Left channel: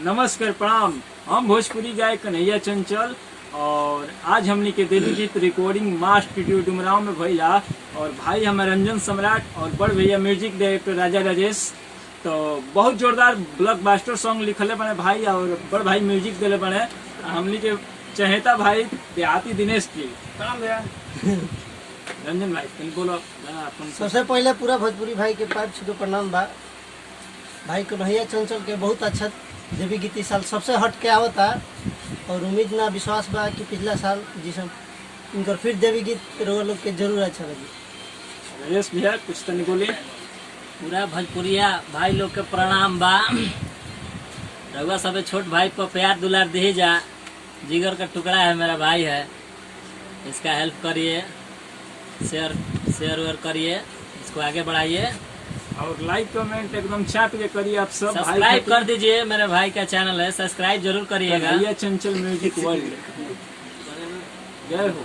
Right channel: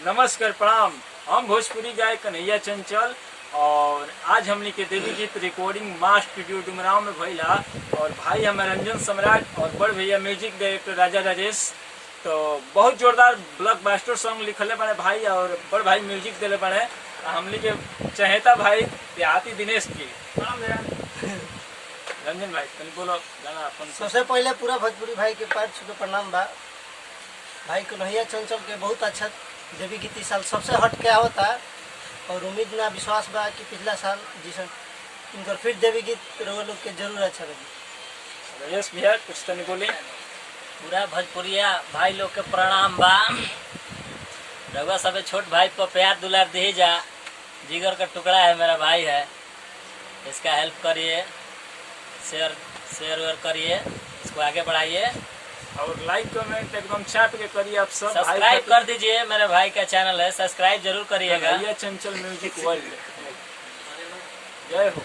नमस्कार प्रणाम। हम भोजपुरी गायक कन्हैया चंचल और आज हमनी के देवी गीत रिकॉर्डिंग मास स्टूडियो डुमराव में भइला और भाई हमारे रंजन सम्राट और बड़ भैया म्यूजिक डायरेक्टर राजा राजेश। तो बहुत जोरदार ब्लॉकबस्टर सॉन्ग लिखले बने भाई और बड़ भाई म्यूजिक दिले बने हमनी के चहेता भाई देहाती दिनेश जी। रंजन भाई तनी बोलो गाना अपन। सबसे पहले पूरा भोजपुरी भाई के पैर छू के प्रणाम बा। भाई कन्हैया चंचल के बहुत अच्छा देवी गीत इस साल सबसे हट के आवता और उम्मीद ना विश्वास बा कि पिछला साल जैसा इनकर फिर देवी गीत रउआ लोग के जरूर अच्छा लगी। राजेश भैया कुछ तनी बोली। पूरा भोजपुरिया भाई लोग के प्रणाम बा। रघुआ सब छोट भाई पर प्यार दुलार दे जा, जिगर का टुकड़ा है, मेरा भाई है, इसका हेल्प करिए, शेयर करिए, इसको आगे बढ़ाइए और लाइक कमेंट एकदम चाट के करिए। आप सब सब्सक्राइब कर दीजिए, मेरे भाई का चैनल है, सब्सक्राइब जरूर करिएगा। कन्हैया चंचल म्यूजिक वर्ल्ड। जय हो।